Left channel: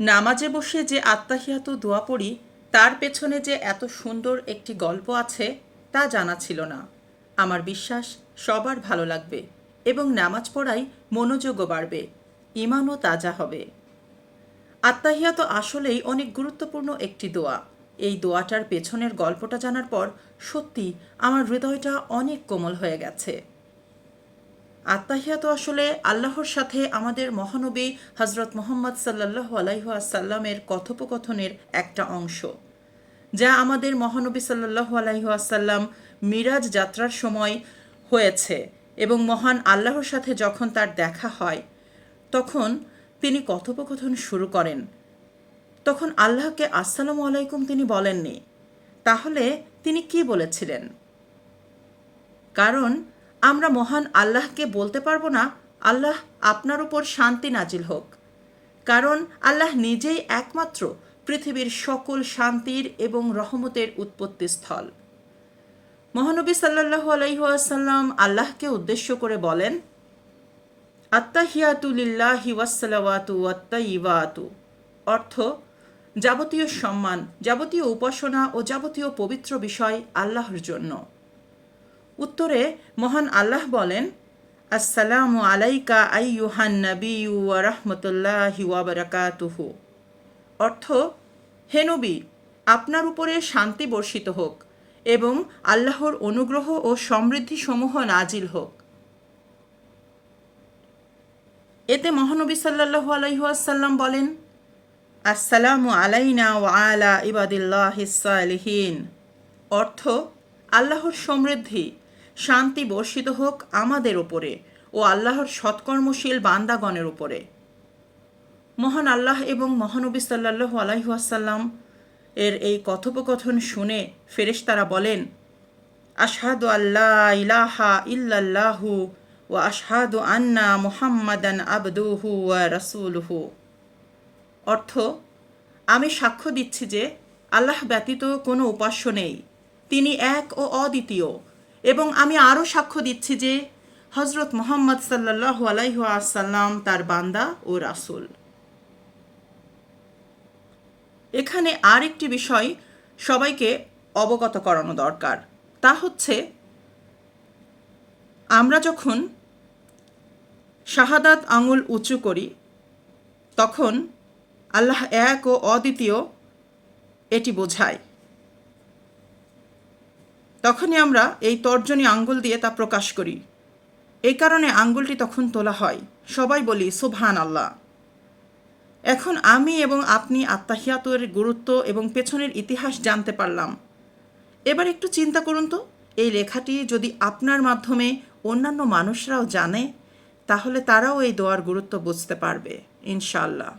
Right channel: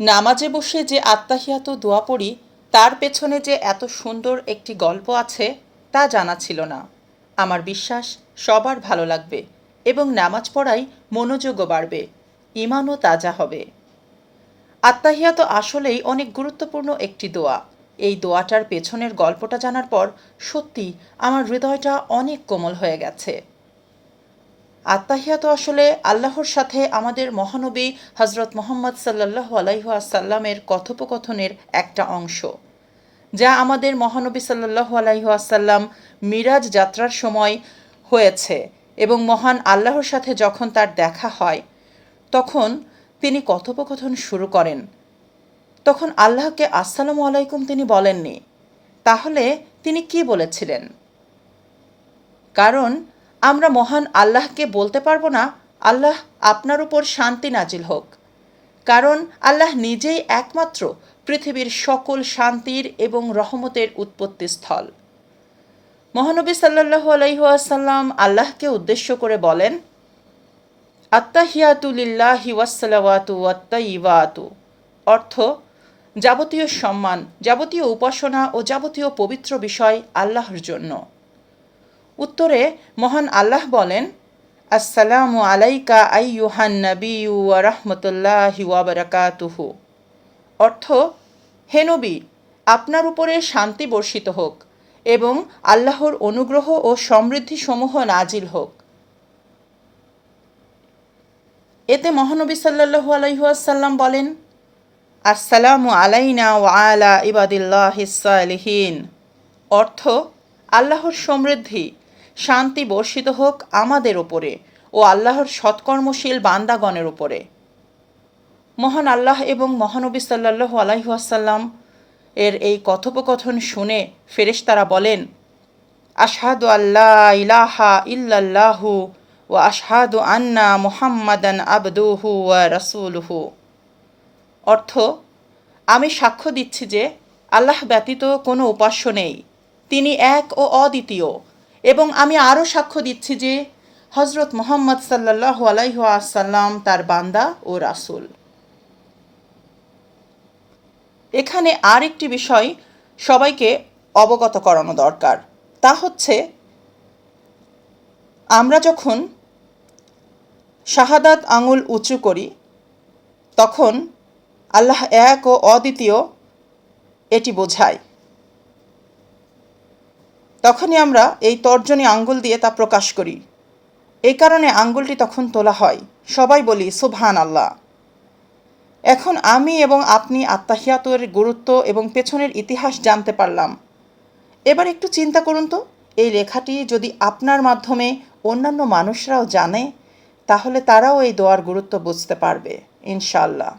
নামাজে বসে যে আত্মাহিয়াত দোয়া পড়ি, তার পেছনে যে এত সুন্দর একটি গল্প আছে, তা জানা ছিল না। আমার বিশ্বাস, সবার ভালো লাগবে এবং নামাজ পড়াই মনোযোগও বাড়বে ইমানও তাজা হবে। আত্মাহিয়াত আসলেই অনেক গুরুত্বপূর্ণ একটি দোয়া। এই দোয়াটার পেছনের গল্পটা জানার পর সত্যি আমার হৃদয়টা অনেক কোমল হয়ে গেছে। আত্মাহিয়াত আসলে আল্লাহর সাথে আমাদের মহানবী হজরত মোহাম্মদ সাল্লাহ আলাইহাসাল্লামের কথোপকথনের একটা অংশ, যা আমাদের মহানবী সাল্লাহ আলাইহাসাল্লাম মিরাজ যাত্রার সময় হয়েছে এবং মহান আল্লাহর সাথে যখন তার দেখা হয়, তখন তিনি কথোপকথন শুরু করেন। তখন আল্লাহকে আসসালামু আলাইকুম তিনি বলেননি। তাহলে তিনি কি বলেছিলেন? কারণ আমরা মহান আল্লাহকে বলতে পারব না, আল্লাহ আপনার উপর শান্তি নাজিল হোক। কারণ আল্লাহ নিজেই একমাত্র পৃথিবীর সকল শান্তির এবং রহমতের উৎপত্তি স্থল। মহানবী সাল্লাহু আলাইহাসাল্লাম আল্লাহকে উদ্দেশ্য করে বলেন আত্মাহিয়াতুলিল্লাহি ওয়াসালাওয়াতু আত্মাইওয়াতু অর্থ, যাবতীয় সম্মান, যাবতীয় উপাসনা ও যাবতীয় পবিত্র বিষয় আল্লাহর জন্য। উত্তরে মহান আল্লাহ বলেন, আসসালামু আলাইকা আইয়ুহান নবিউ রাহমাতুল্লাহি ওয়া বারাকাতুহু। অর্থ, হে নবী, আপনার উপরে শান্তি বর্ষিত হোক এবং আল্লাহর অনুগ্রহ ও সমৃদ্ধি সমূহ নাজিল হোক। এতে মহানবী সাল্লাহু আলাইহাসাল্লাম বলেন, আসসালামু আলাইনা ওয়া আলা ইবাদিল্লাহ সালিহীন। অর্থ, আল্লাহর সমৃদ্ধি শান্তি বর্ষিত হোক আমাদের ওপরে ও আল্লাহর সৎকর্মশীল বান্দাগণের উপরে। মহান আল্লাহ এবং মহানবী সাল্লাহু আলাইহাসাল্লাম এর এই কথোপকথন শুনে ফেরেশতারা বলেন, আশহাদু আল্লাহ ইলাহা ইল্লাল্লাহু ও আশহাদু আন্না মুহাম্মাদান আবদুহু ওয়া রাসূলুহু। অর্থ, আমি সাক্ষ্য দিচ্ছি যে আল্লাহ ব্যতীত কোনো উপাস্য নেই। তিনি এক ও অদ্বিতীয়। এবং আমি আরও সাক্ষ্য দিচ্ছি যে হজরত মোহাম্মদ সাল্লাহ আলাইহাসাল্লাম তার বান্দা ও রাসুল। এখানে আর একটি বিষয় সবাইকে অবগত করানো দরকার। তা হচ্ছে, আমরা যখন শাহাদাত আঙুল উঁচু করি, তখন আল্লাহ এক ও অদ্বিতীয় এটি বোঝায়। তখনই আমরা এই তর্জনী আঙ্গুল দিয়ে তা প্রকাশ করি। এই কারণে আঙ্গুলটি তখন তোলা হয়। সবাই বলি সুবহান আল্লাহ এখন আমি এবং আপনি আত্মাহিয়াতের গুরুত্ব এবং পেছনের ইতিহাস জানতে পারলাম। এবার একটু চিন্তা করুন তো। এই লেখাটি যদি আপনার মাধ্যমে অন্যান্য মানুষরাও জানে, তাহলে তারাও এই দোয়ার গুরুত্ব বুঝতে পারবে ইনশাল্লাহ